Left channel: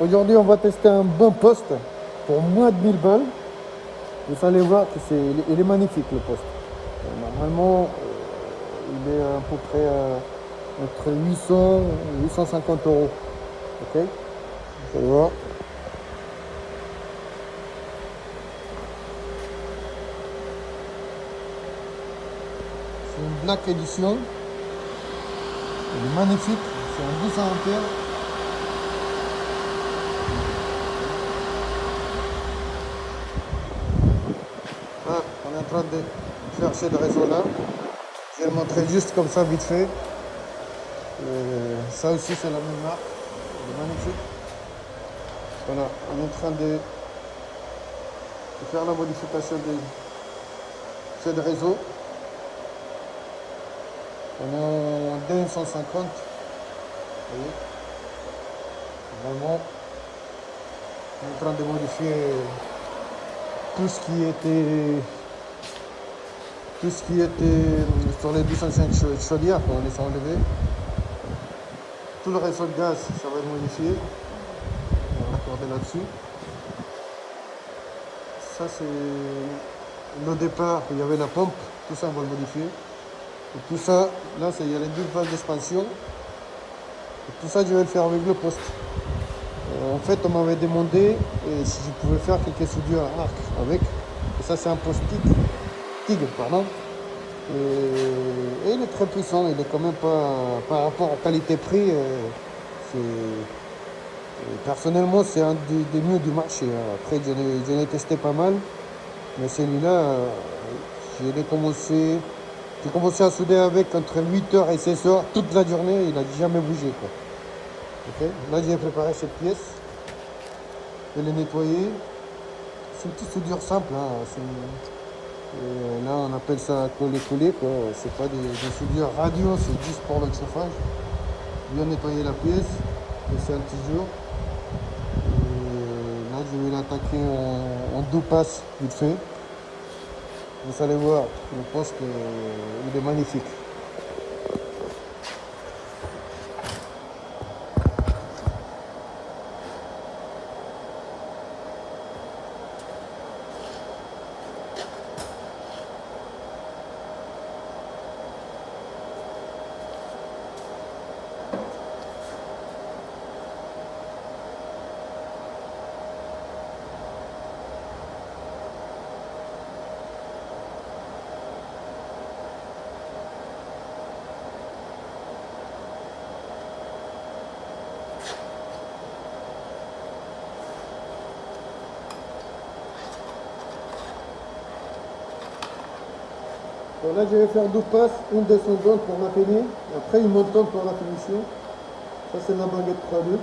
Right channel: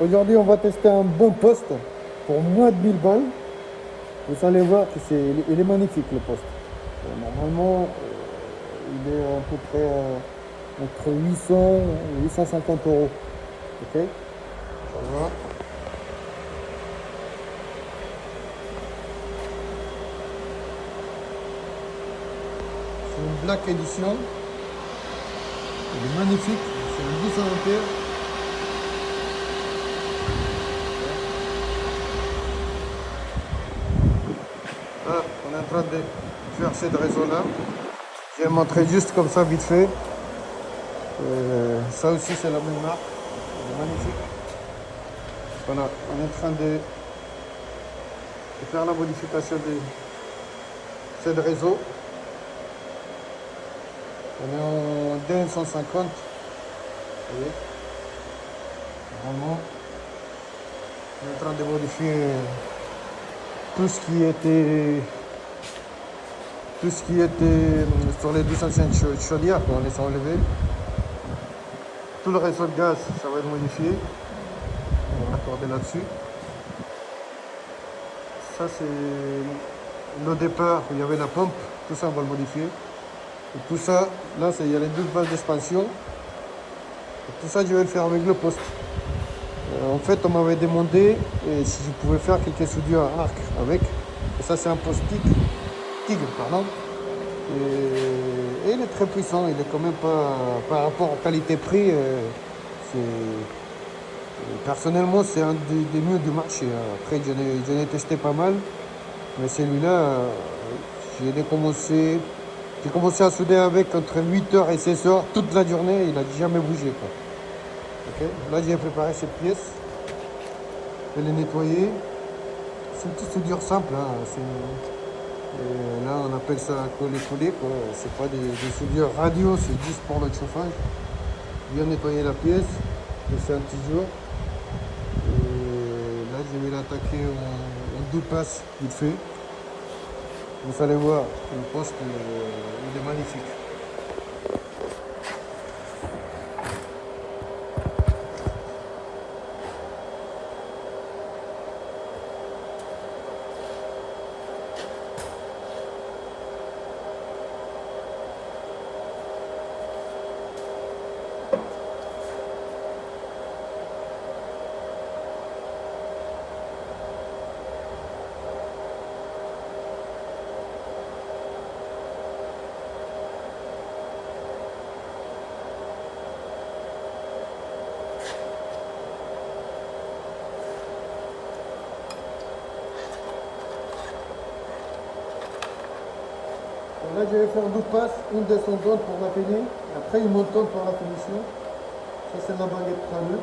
Aujourd'hui, on va tester un bon poste pour moins de 1000 balles. Vous allez voir que il est magnifique le poste. Normalement, il est à peu près entre 800 et 850 euros. Ok? Je vois. C'est une Black Edition. Il est magnifique. C'est un 1200 ampères. Ah, on est en train de faire ce réseau-là. Je vais montrer juste comme ça, vite fait. Ça aussi, c'est la même marque. Il est magnifique. Voilà, on est en train de faire la modification de ce réseau. On est en 250. Vous voyez, vraiment, on est en train de modifier tout ce qui était sur les 205 chaudières, on les a enlevés. Tout le réseau de gaz, ça va être modifié. On va raccorder là-dessus. Ça, c'est le départ, il y avait la pompe, tout ça, on va le modifier. Et tout ça, là, il y a les 12 valves d'expansion. Et tout ça, je vais le faire avec le poste. En fait, on m'avait demandé si je pouvais faire quelques soudures à arc avec. Et ça, c'est un poste Tigre, pardon. Et il est très puissant. Il est quand même pas, par rapport à qualité-prix, personnellement, c'est un des mieux du marché. Après, j'en ai testé pas mal. Mais celui-là, j'ai commencé à souder avec entre 8h et 16h toute la journée. Il n'a jamais bougé, quoi. Okay. Là, j'ai préparé cette pièce. Je l'ai nettoyée. C'est une petite soudure simple. Hein. Et là, on appelle ça coller-coller. C'est pas des soudures radio, c'est juste pour le chauffage. Bien nettoyer la pièce. Laisser un petit jour. Et là, je vais l'attaquer en 2 passes vite fait. Vous allez voir, le poste, il est magnifique. Donc là, je vais faire 2 passes, une descendante pour la finir, et après une montante pour la finition. Ça, c'est la baguette 3-2.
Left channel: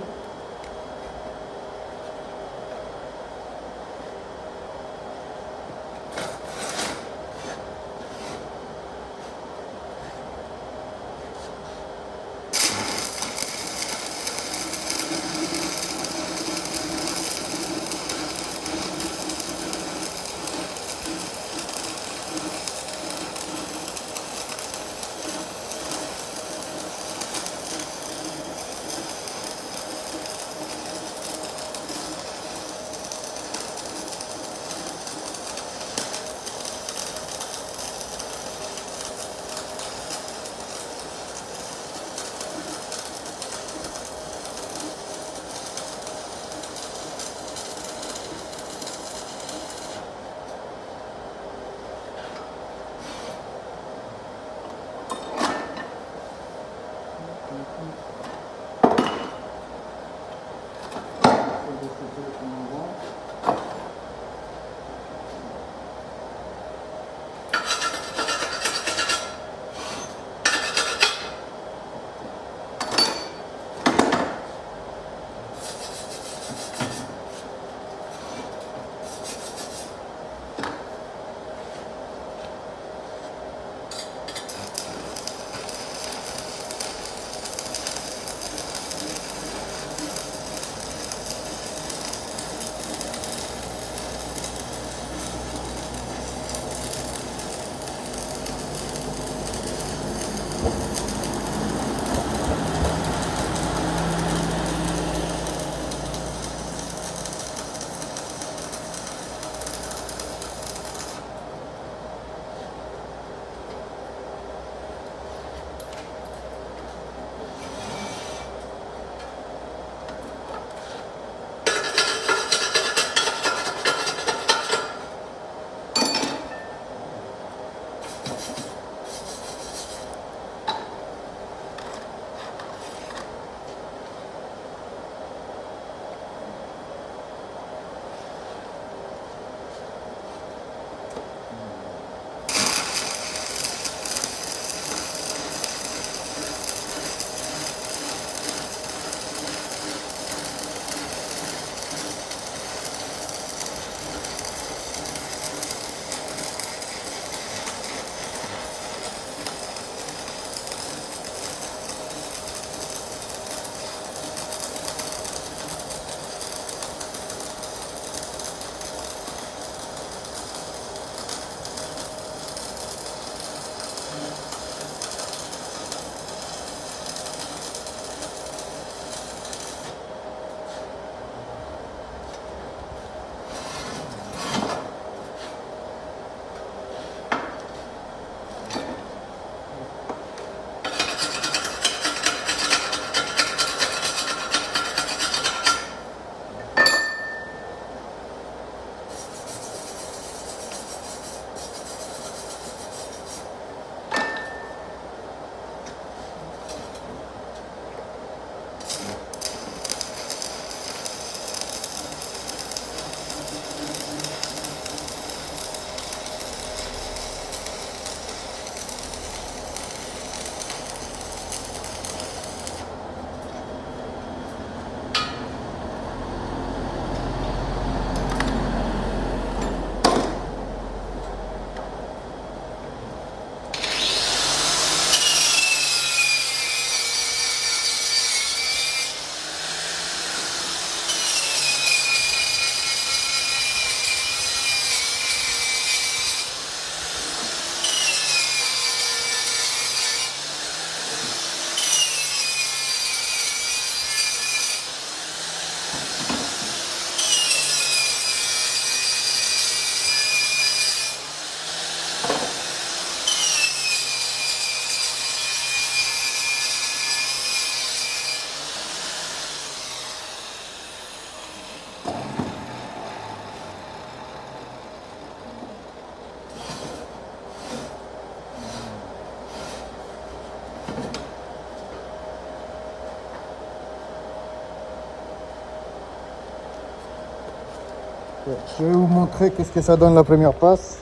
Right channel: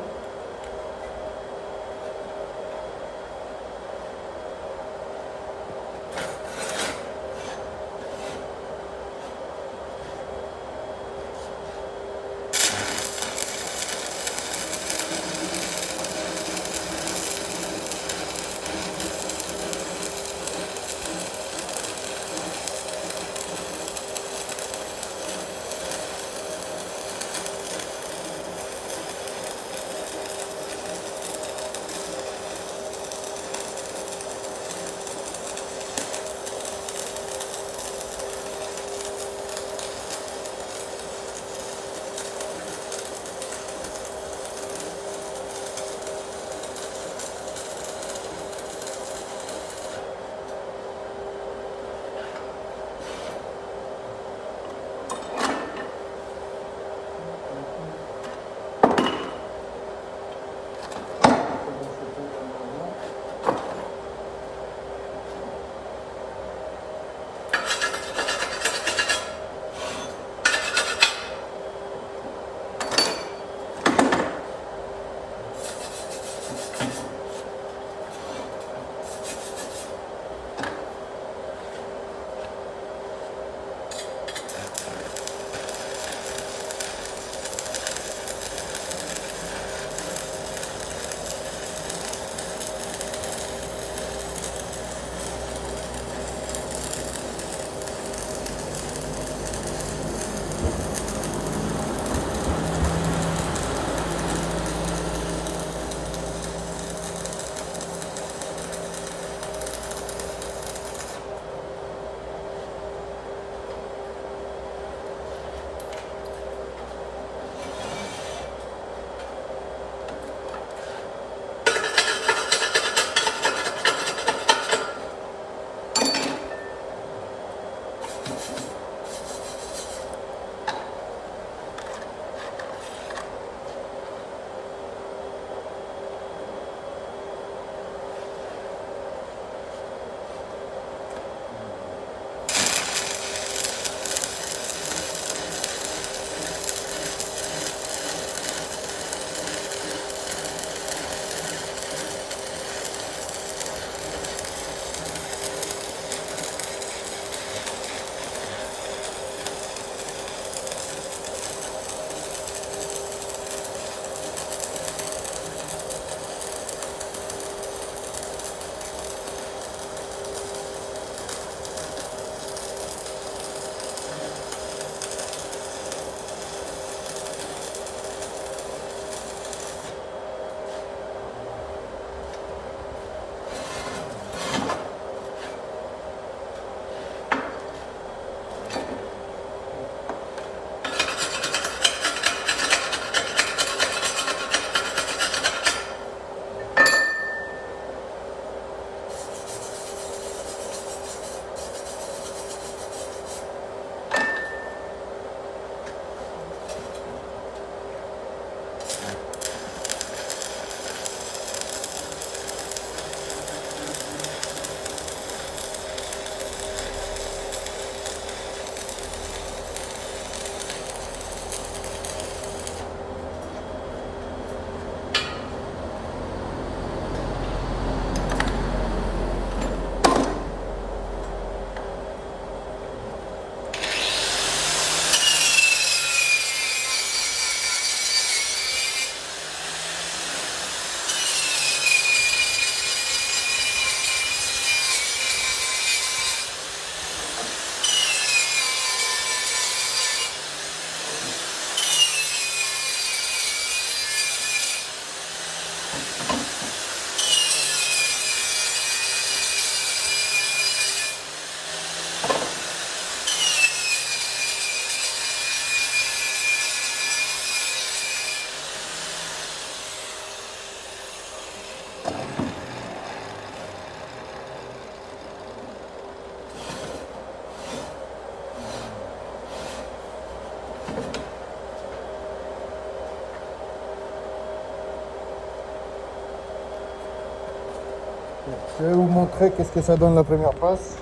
Je vais vous montrer qu'est-ce que ça donne la première passe.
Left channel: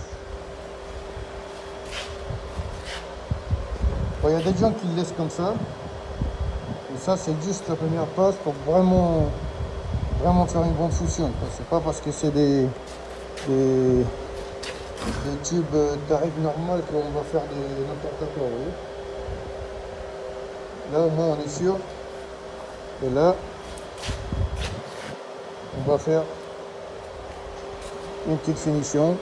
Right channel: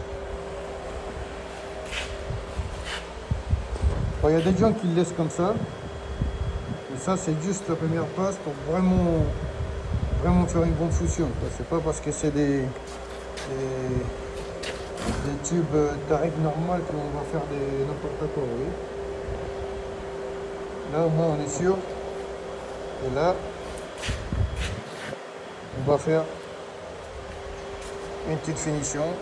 Bon, il y a des gens qui le laissent comme ça. Mais ça, c'est juste la première passe pour vraiment faire une bonde fusion. C'est pas parce que c'est des tubes Tarek normal qu'on va faire n'importe quoi. Vous voyez. Là, au moins, on est sûr. Et là, on va faire une petite finition.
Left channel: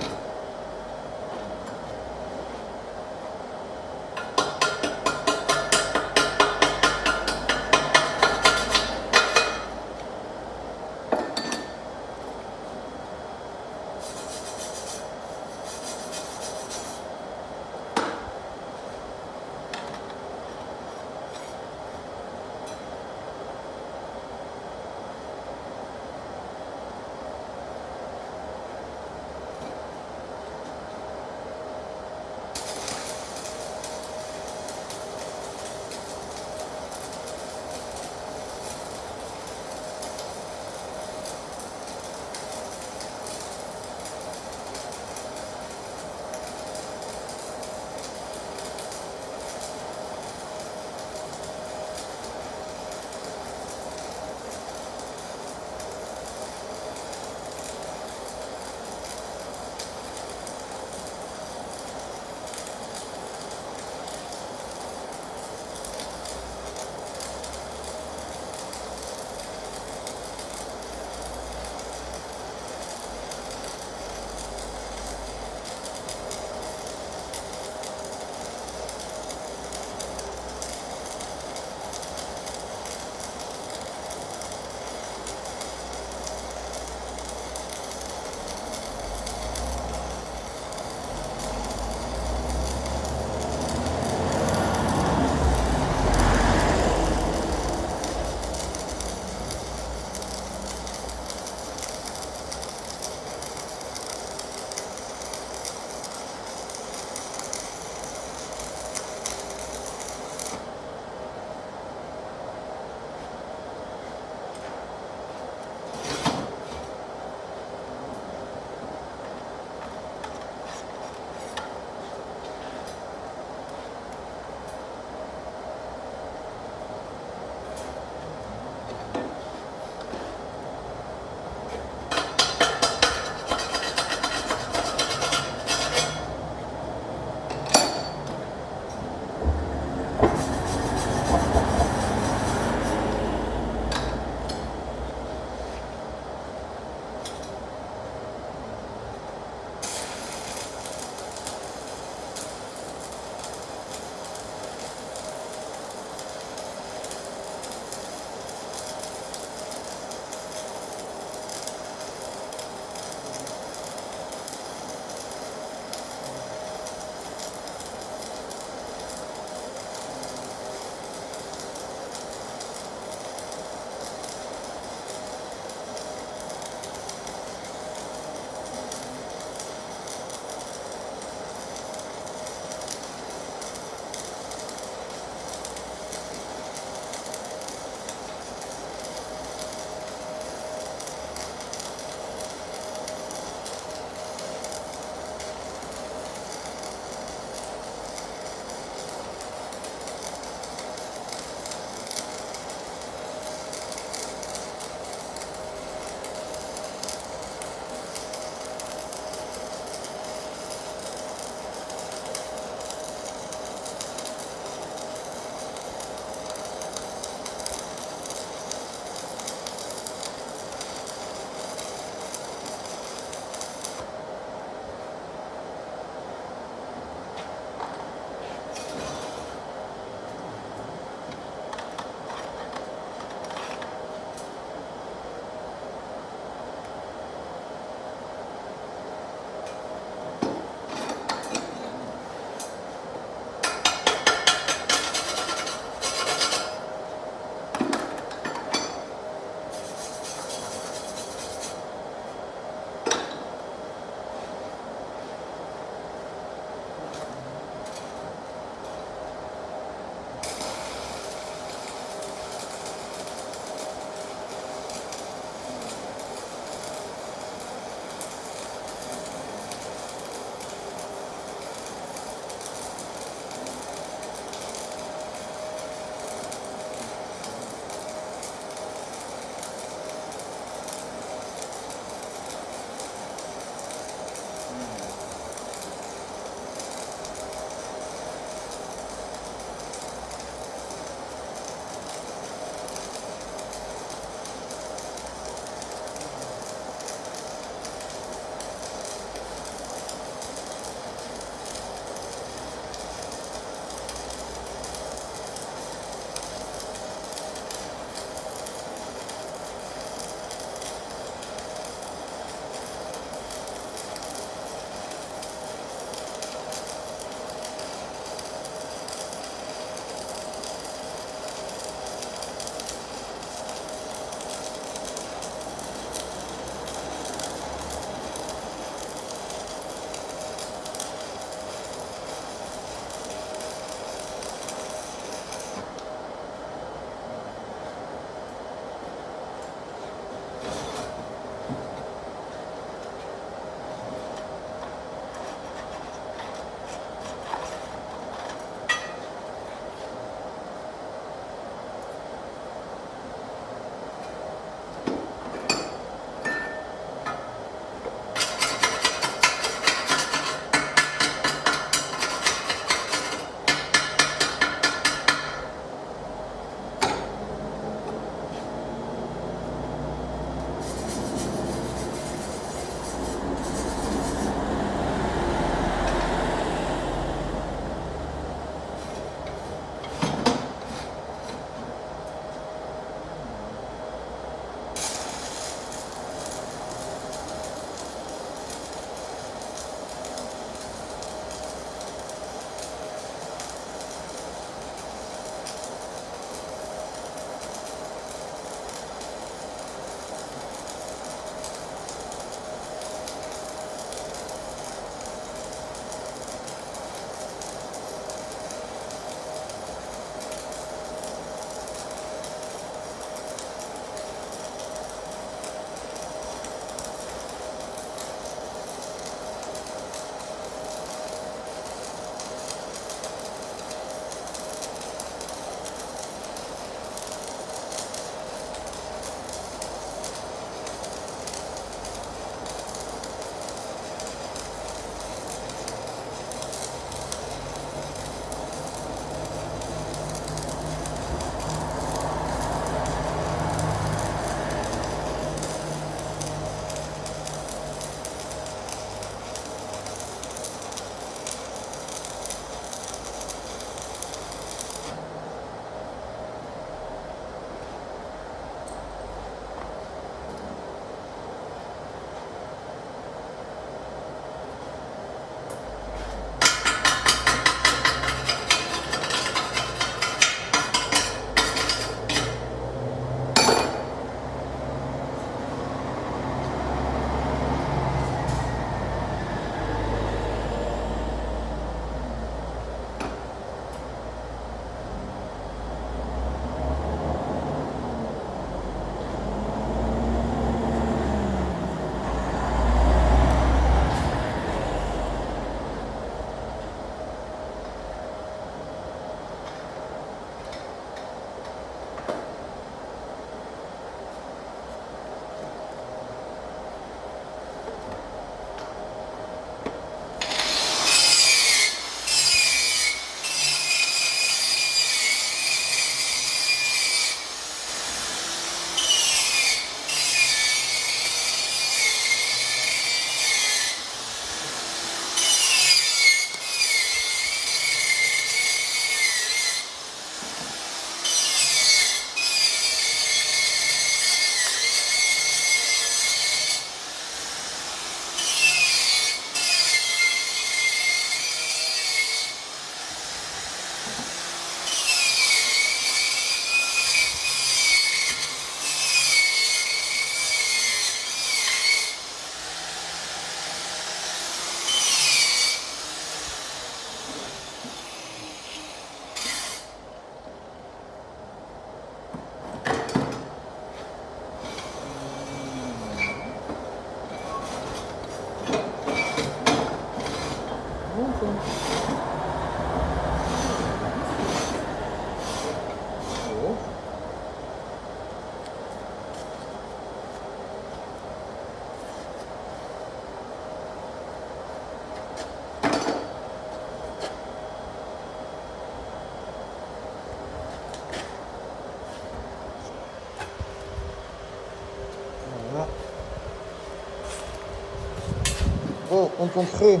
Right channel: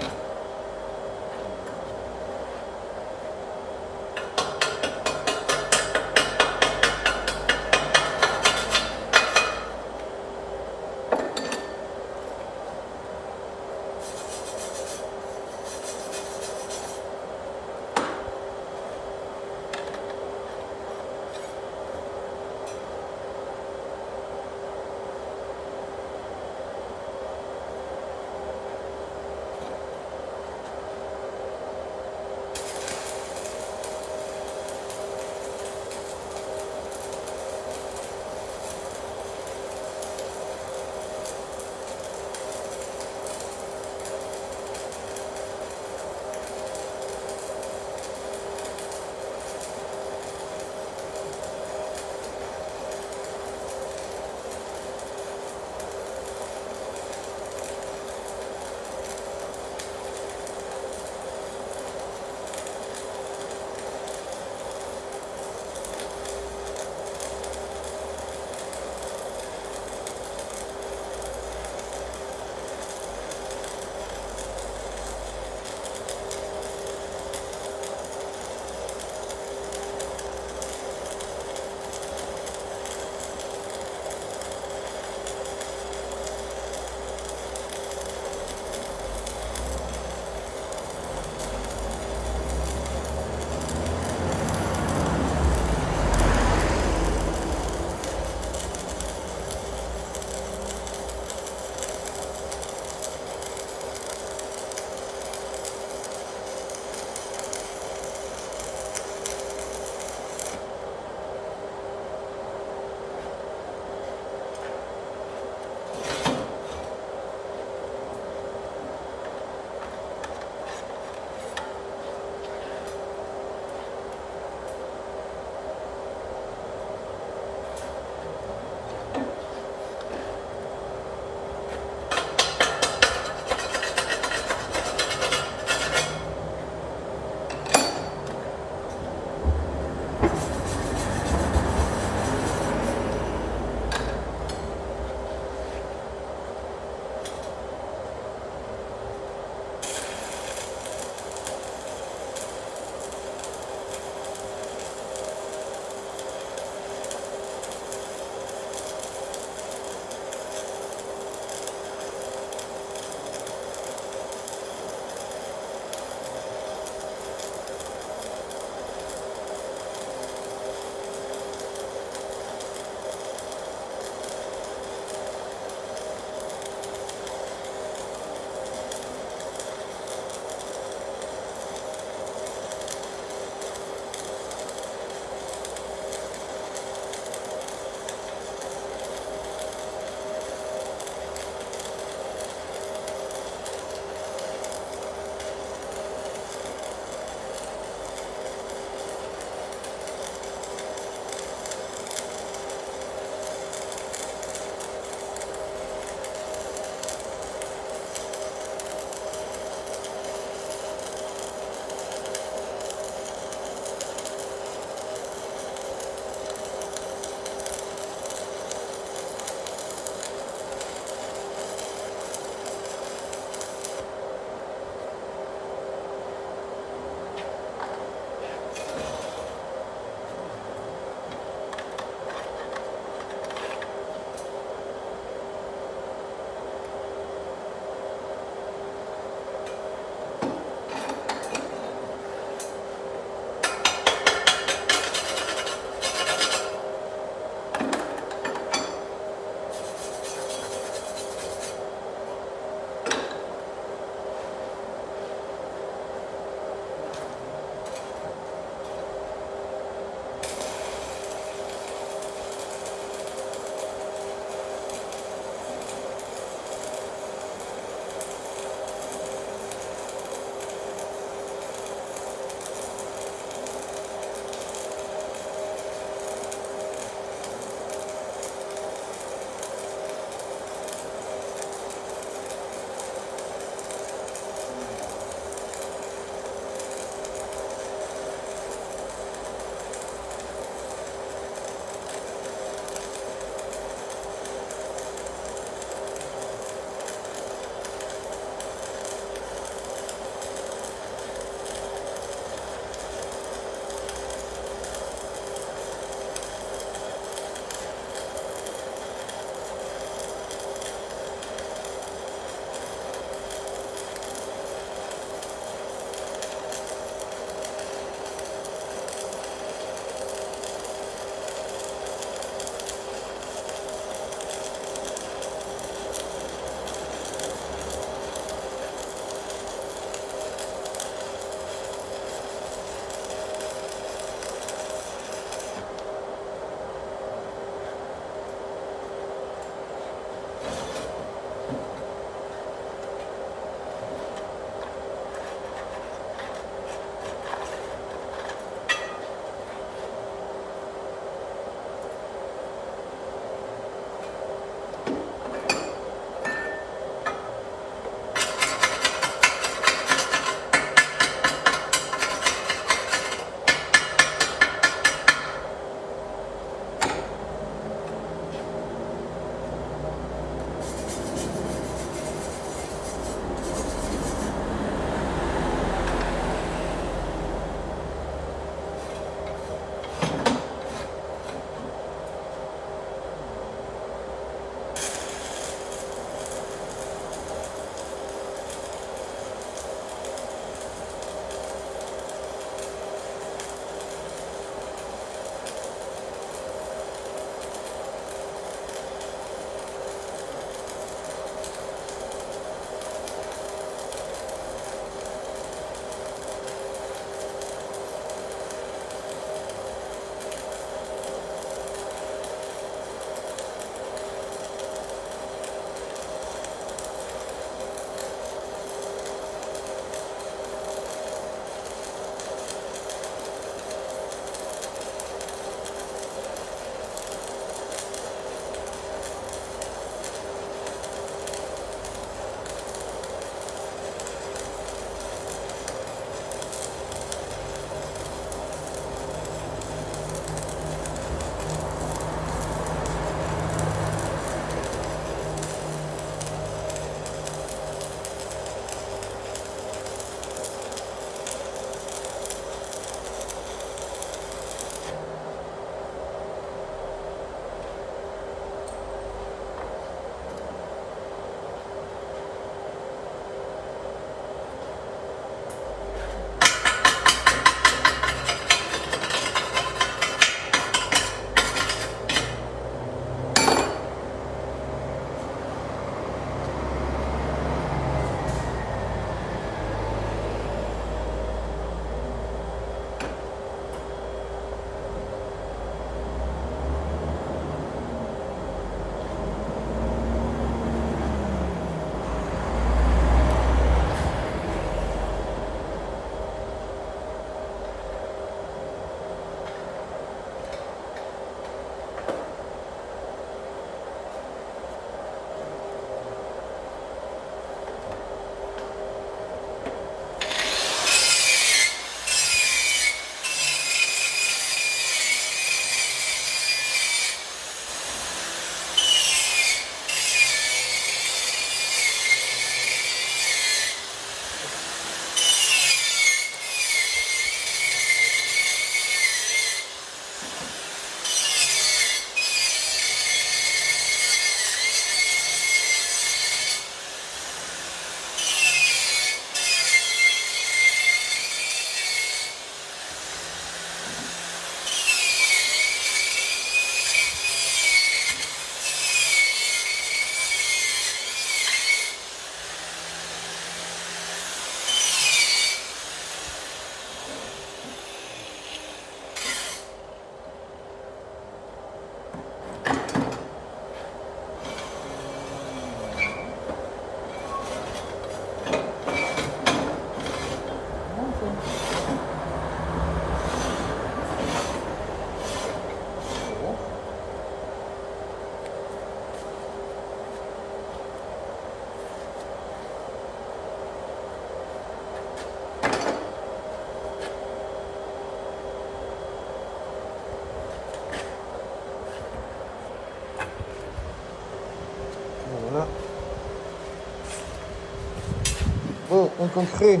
en concret,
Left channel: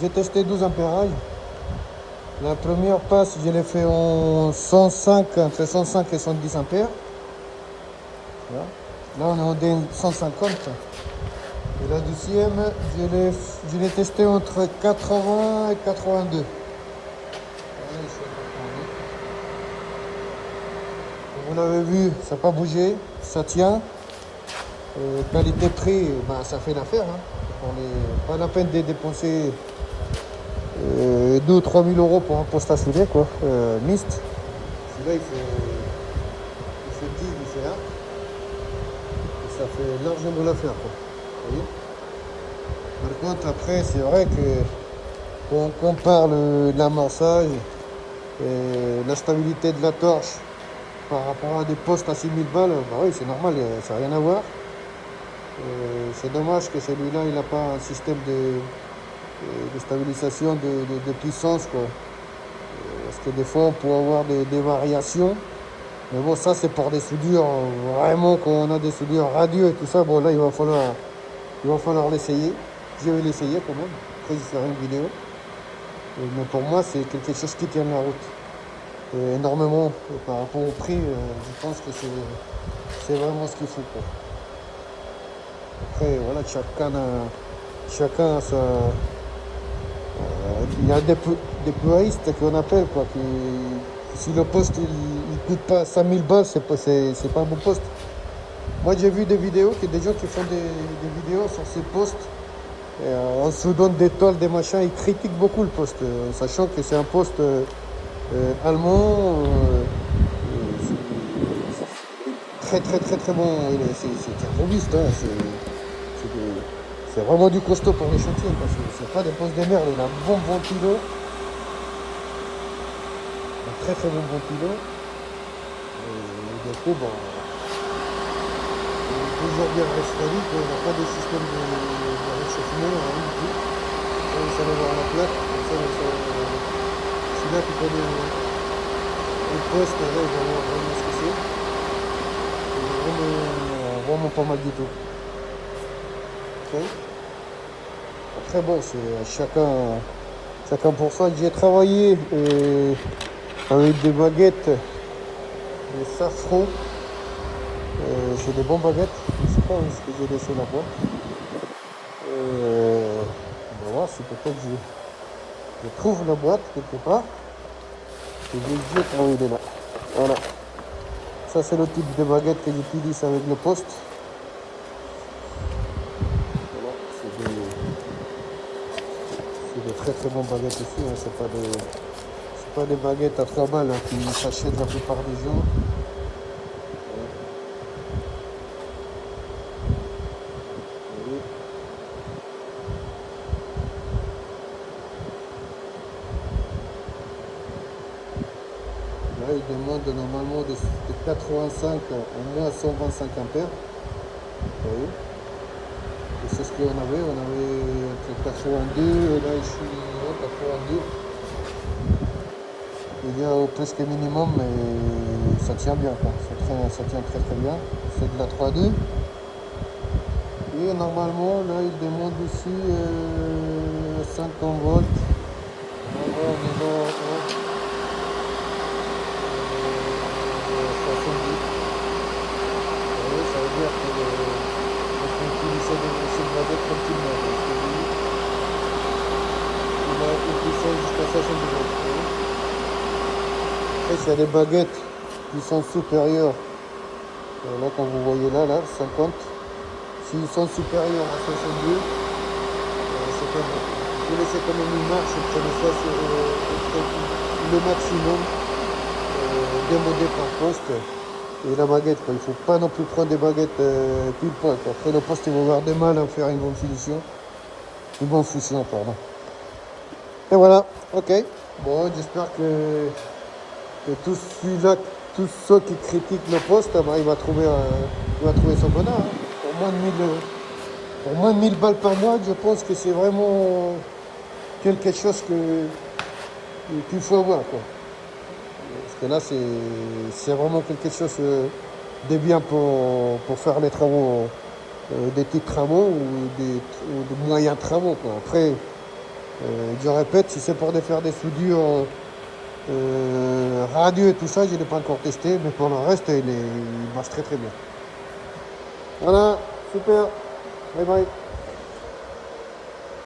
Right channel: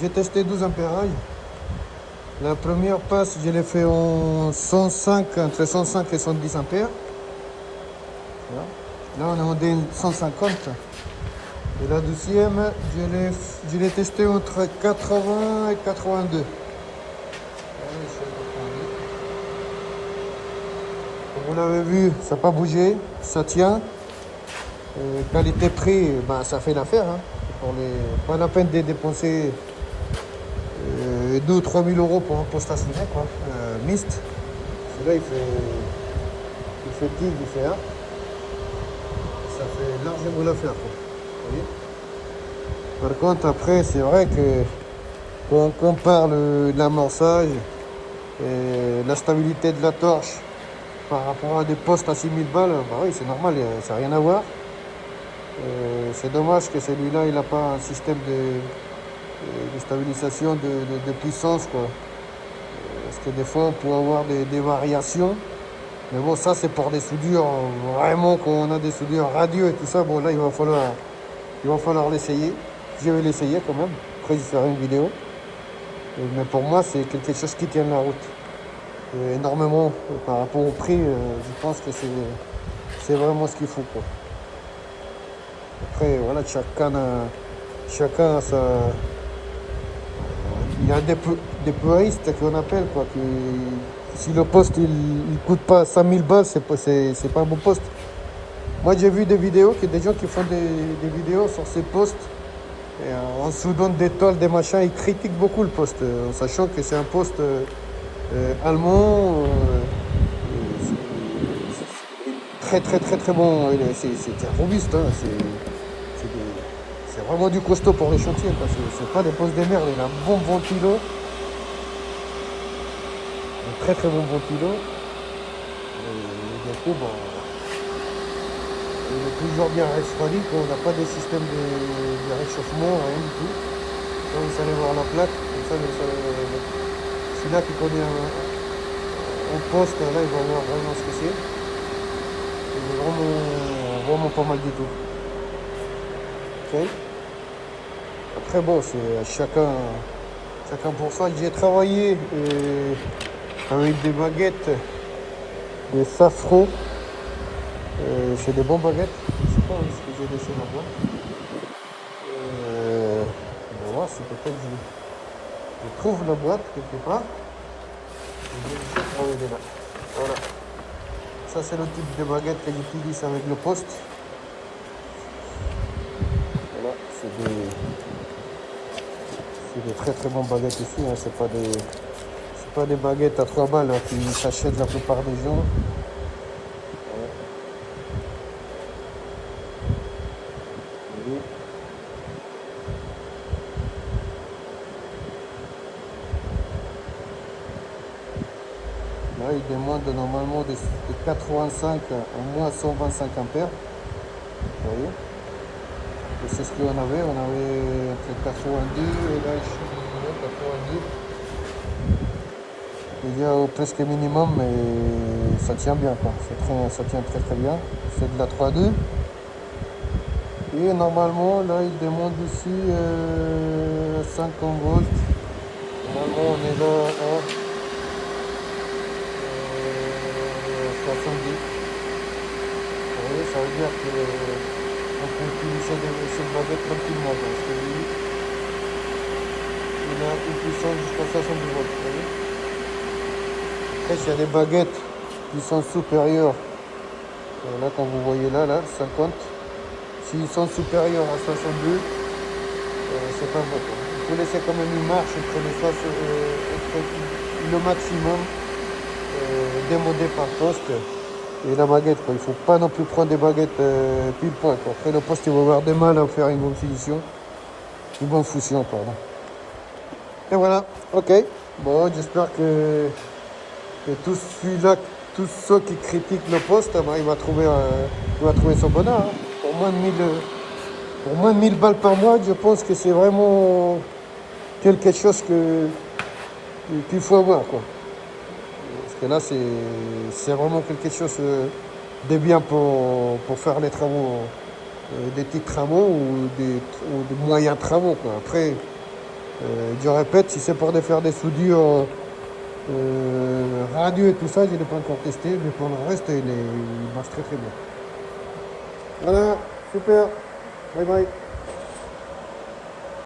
j'ai testé 12 ampérages. La première passe, je l'ai fait en 105, entre 105 et 110 ampères. Là, on est en D150. Et la deuxième, je l'ai testé entre 80 et 82. Comme vous l'avez vu, ça n'a pas bougé, ça tient. Qualité-prix, ben, ça fait l'affaire. Hein. Pas la peine de dépenser 2 ou 3 000 euros pour un poste à souder, quoi. Mist. Celui-là, il fait tig, il fait 1. Ça fait largement l'affaire, quoi. Vous voyez. Par contre, après, c'est vrai que quand on compare l'amorçage et la stabilité de la torche par rapport à des postes à 6000 balles, bah oui, c'est normal, ça n'a rien à voir. C'est dommage que celui-là, il n'a pas un système de stabilisation de puissance, quoi. Parce que des fois, on peut avoir des variations. Mais bon, ça, c'est pour des soudures, vraiment, quand on a des soudures radieux et tout ça. Bon, là, il va falloir l'essayer. Je vais l'essayer quand même. Après, je ferai une vidéo. Mais pour moi, c'est quelque chose qui tient la route. Et énormément, par rapport au prix, je pense que c'est vraiment ce qu'il faut, quoi. Après, voilà, chacun a sa... il y a des puristes qu'on appelle, quoi. Si le poste, il coûte pas 5000 balles, c'est pas un bon poste. Moi, j'ai vu des vidéos, des gens qui font des vidéos sur ces postes. Et en soudant des tôles, des machins, ils critiquent beaucoup le poste, en sachant que c'est un poste allemand, très très très très bon. C'est robuste, hein, c'est vraiment du costaud pour les chantiers. C'est pas des postes de merde, il a un bon ventilo, un très très bon ventilo. Et du coup, bon, il est toujours bien refroidi, on n'a pas de système de réchauffement, rien du tout. Là, vous allez voir la plaque, comme ça, celui-là qui connaît un poste, là, il va voir vraiment ce que c'est. C'est vraiment pas mal du tout. Okay. Après, bon, c'est chacun pour soi. J'ai travaillé avec des baguettes de Safran. C'est des bonnes baguettes. Je sais pas où est-ce que j'ai laissé là-bas. On va voir si peut-être je trouve la boîte quelque part. Et je vais trouver dedans. Voilà. Ça, c'est le type de baguette que j'utilise avec le poste. Voilà, c'est des très très bonnes baguettes aussi. Hein. C'est pas des baguettes à 3 balles, hein, qui s'achètent la plupart des gens. Voilà. Et là, il demande normalement de 85 à moins 125 ampères. Vous voyez. Et c'est ce qu'on avait. On avait entre 82 et là, je suis à 82. Il y a au presque minimum, mais ça tient bien, quoi. Ça tient très très bien. C'est de la 3.2. Et normalement, là, il demande ici 50 volts. Normalement, on est là à 70. Vous voyez, ça veut dire qu'on peut utiliser cette baguette tranquillement. Parce que lui, il a une puissance jusqu'à 70 volts. Vous voyez. Après, s'il y a des baguettes qui sont supérieures, là, quand vous voyez là, 50, s'ils sont supérieurs à 62, c'est pas bon. Il faut laisser quand même une marche, prenez ça le maximum demandé par poste. Et la baguette, quoi. Il ne faut pas non plus prendre des baguettes pile poil, quoi. Après, le poste, il va avoir des mal à faire une bonne finition. Une bonne fusion, pardon. Et voilà, ok. Bon, j'espère que tous ceux qui critiquent le poste, ben, il va trouver son bonheur. Hein. Pour moins de 1000 balles par mois, je pense que c'est vraiment quelque chose qu'il faut avoir, quoi. Parce que là, c'est vraiment quelque chose de bien pour faire les travaux des petits travaux ou des moyens travaux, quoi. Après, je répète, si c'est pour faire des soudures radio et tout ça, je ne l'ai pas encore testé, mais pour le reste, il marche très très bien. Voilà, super, bye bye.